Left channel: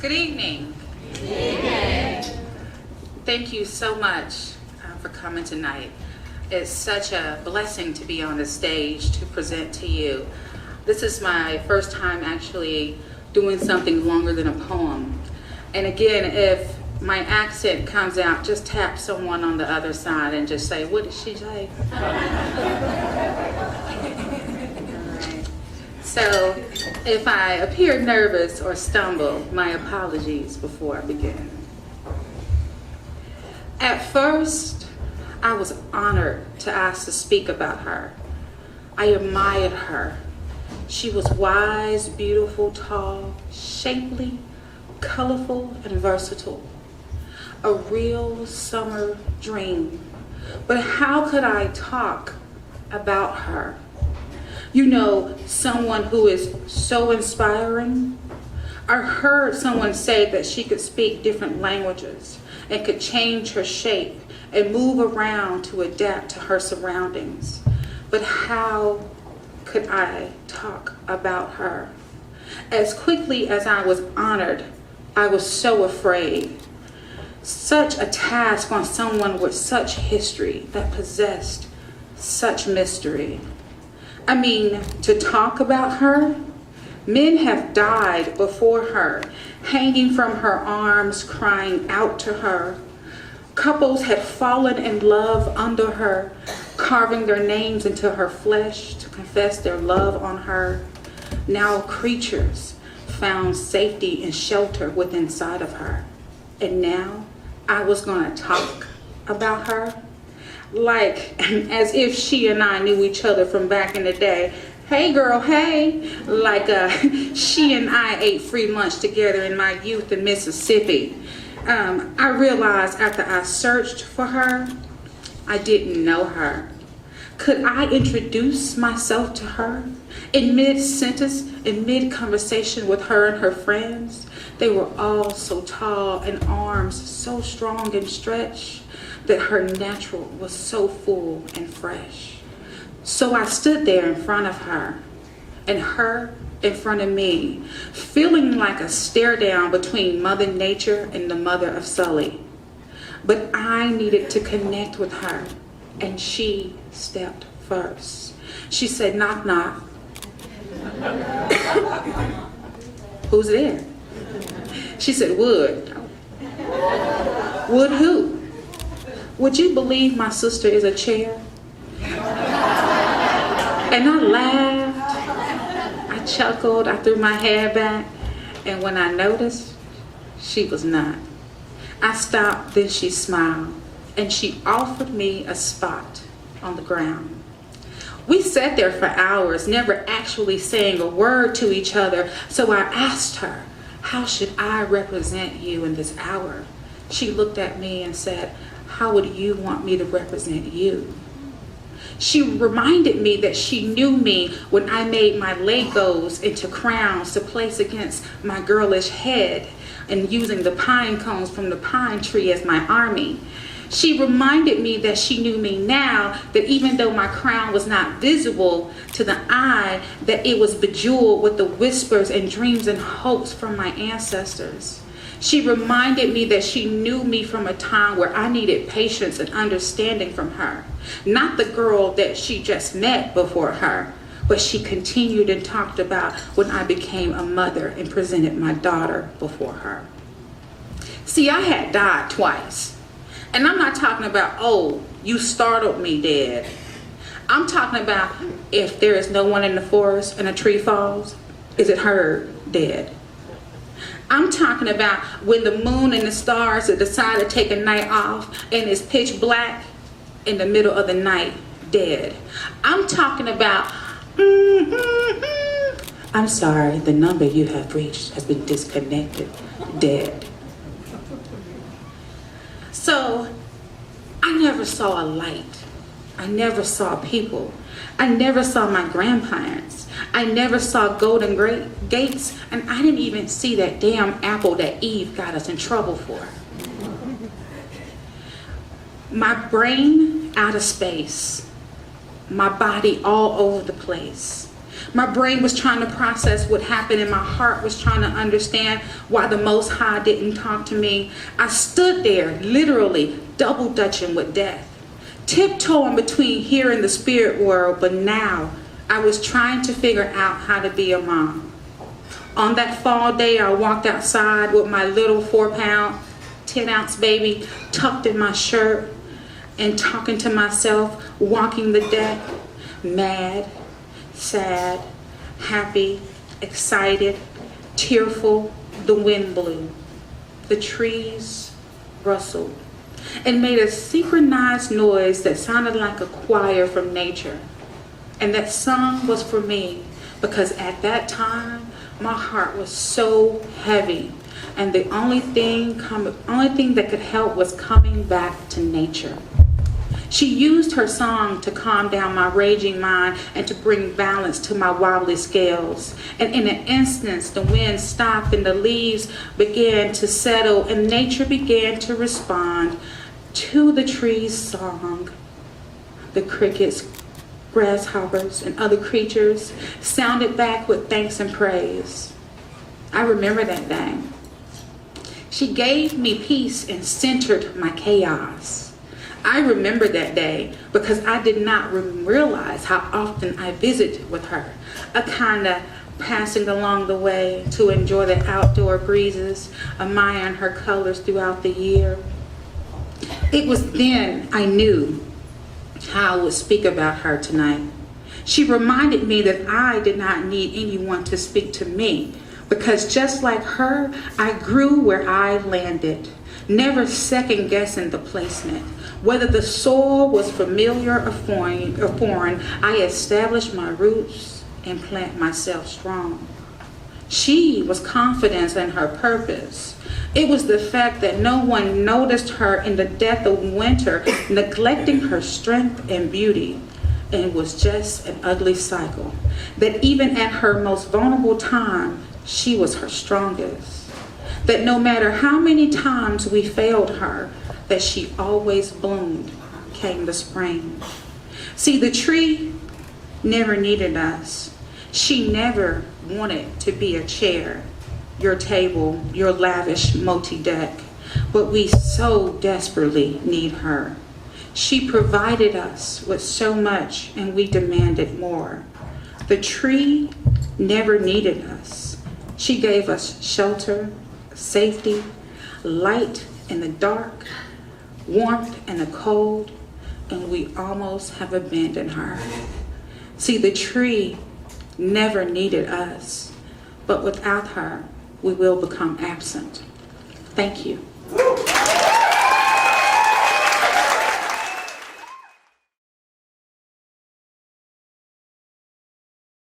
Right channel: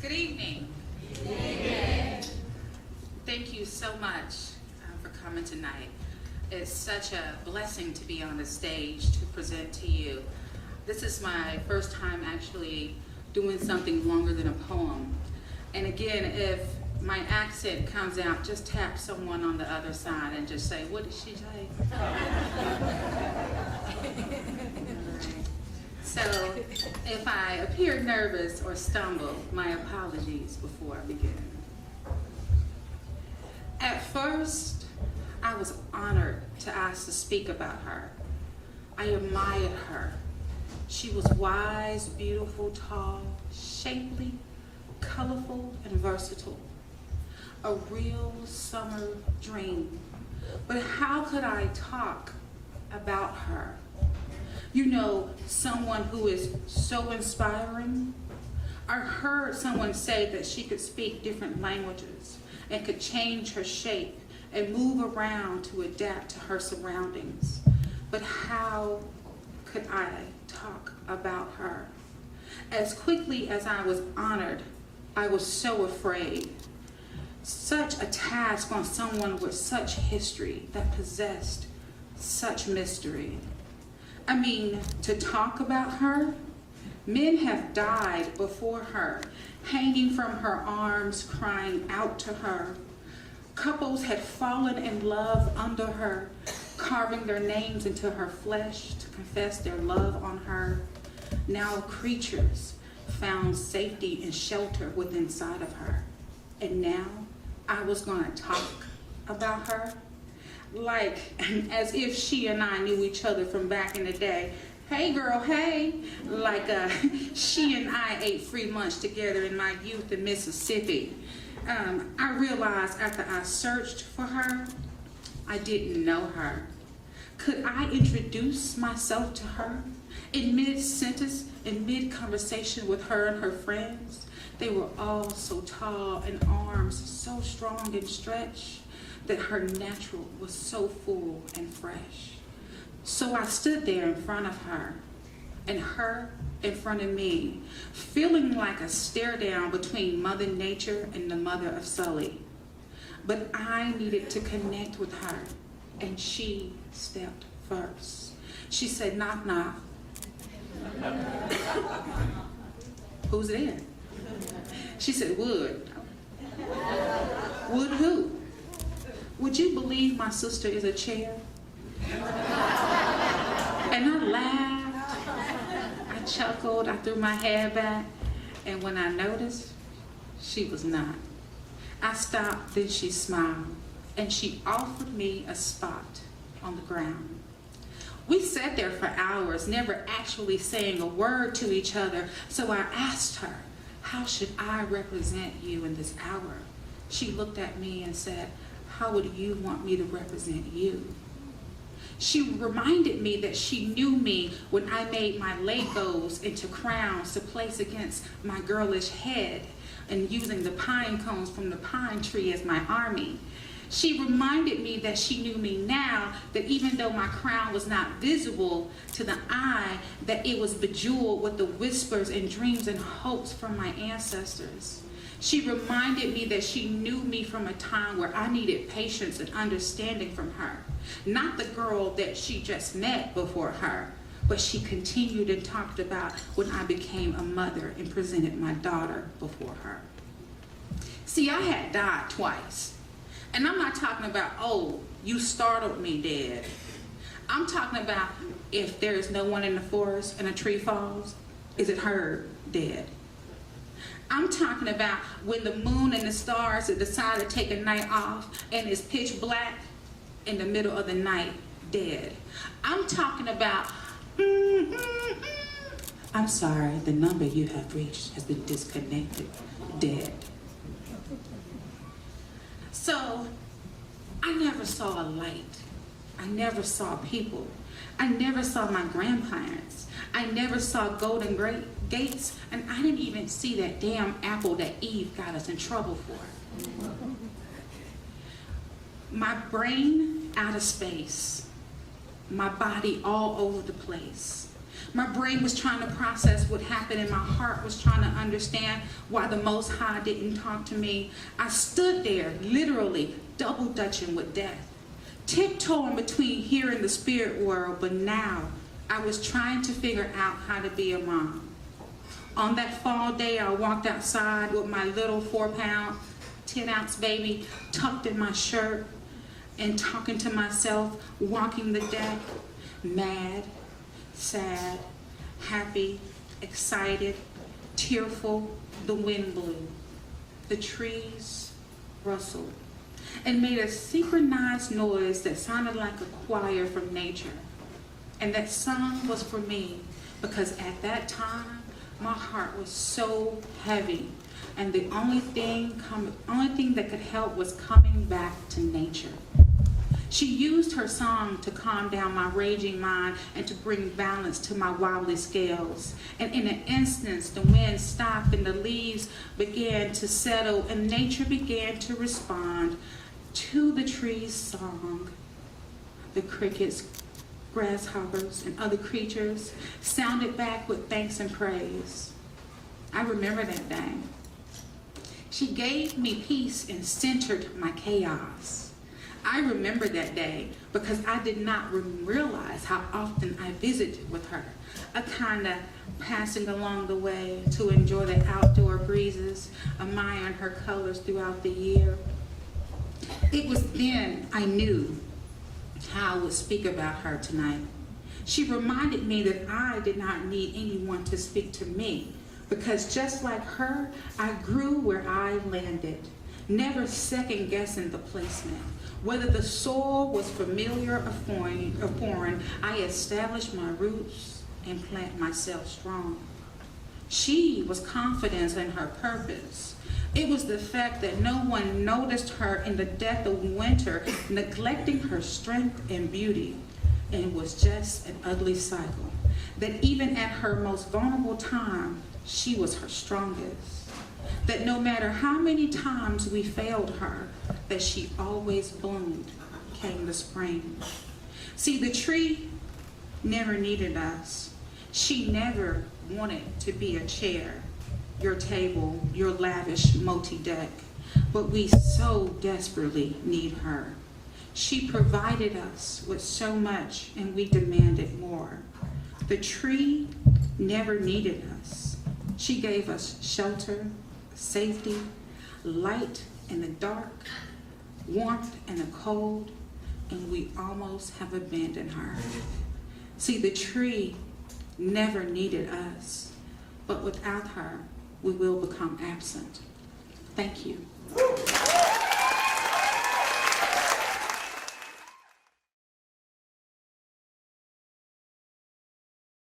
Good evening. Good evening. Thank you so much for coming tonight. It's such a blessing to be on the stage to present to you. This is my first time actually doing something longer than a poem. And again, if my accent comes out, just tap someone on the other side and just say, "What did she say?" So if I appear nervous or stumble, my apologies before I begin. At first, I was honored to ask to speak about her. I admired her. She was wise, beautiful, tall, shapely, colorful, and versatile. A real summer dream. But how could I talk about her? You know, someone who is so inspiring. I heard someone say that she could speak different languages and could change her shape and move around to adapt to her surroundings. But how could I talk about her? As quickly as I was honored, I was so afraid. Such a task on someone with such history that possessed such mystery. I mean, to talk about her, men have died before her, hanging from her arms, crying out to her. Couples had fallen in love under her, carving their names into her flesh to confess their love on her. Now creatures found safety and shelter within inside of her. And now I was gonna talk about her? Like as if she and I knew each other from back in the day. Hey girl, hey. Like she and I ate free lunch together in my youth in Mississippi. I realized after I searched for her, I didn't know her. Could I introduce myself to her? In mid-sentence, in mid-conversation with her and her friends, they were all so tall and arms so strong and stretched that her natural was so full and fresh. So I stood there in front of her and her in front of me, feeling like a stare down between Mother Nature and the mother of Sully. But I needed to connect with her, and she stepped first. She said, "Knock, knock." Who's there? She said, "Wood." Wood who? Would you believe my sister is a chair? And I laughed, I chuckled, I threw my hair back, and when I noticed, she was not. I stopped, then she smiled, and she offered me a spot on the ground. We sat there for hours, never actually saying a word to each other, so I asked her, "How should I represent you in this hour?" She looked at me and said, "How would you want me to represent you?" She reminded me that she knew me when I made my Legos into crowns to place against my girlish head and using the pine cones from the pine tree as my army. She reminded me that she knew me now, that even though my crown was not visible to the eye, that it was bejeweled with the whispers and dreams and hopes from my ancestors. She reminded me that she knew me from a time where I needed patience and understanding from her. Not the girl that she just met before her, but she continued and talked about when I became a mother and presented my daughter before her. See, I had died twice. And I'm not talking about, "Oh, you startled me dead." I'm talking about if there is no one in the forest and a tree falls, is it her dead? I'm talking about when the moon and the stars decide to take a night off and it's pitch black in the middle of the night, dead. I'm talking about, "I'm sorry, the number you have reached has been disconnected," dead. So I never saw a light. I never saw people. I never saw my grandparents. I never saw golden gates, and I didn't even see that damn apple that Eve got us in trouble for. My brain out of space, my body all over the place. My brain was trying to process what happened, and my heart was trying to understand why the Most High didn't talk to me. I stood there, literally double dutching with death, tiptoeing between here and the spirit world, but now I was trying to figure out how to be a mom. On that fall day, I walked outside with my little 4-pound, 10-ounce baby tucked in my shirt and talking to myself, walking the deck, mad, sad, happy, excited, tearful. The wind blew. The trees rustled and made a synchronized noise that sounded like a choir from nature. And that song was for me because at that time, my heart was so heavy, and the only thing that could help was coming back to nature. She used her song to calm down my raging mind and to bring balance to my wobbly scales. And in an instant, the wind stopped and the leaves began to settle, and nature began to respond to the trees' song. The crickets, grasshoppers, and other creatures sounded back with thanks and praise. I remember that day. She gave me peace and centered my chaos. I remember that day because I did not realize how often I visited with her, a kind of passing along the way to enjoy the outdoor breezes, admiring her colors throughout the year. It was then I knew how I would speak about her tonight. She reminded me that I did not need anyone to speak to me because just like her, I grew where I landed, never second guessing the placement. Whether the soil was familiar or foreign, I established my roots and plant myself strong. She was confident in her purpose. It was the fact that no one noticed her in the depth of winter, neglecting her strength and beauty. And it was just an ugly cycle. That even at her most vulnerable time, she was her strongest. That no matter how many times we failed her, that she always bloomed, came the spring. See, the tree never needed us. She never wanted to be a chair, your table, your lavish multi-deck, but we so desperately need her. She provided us with so much and we demanded more. The tree never needed us. She gave us shelter, safety, light in the dark, warmth in the cold, and we almost have abandoned her. See, the tree never needed us, but without her, we will become absent. Thank you.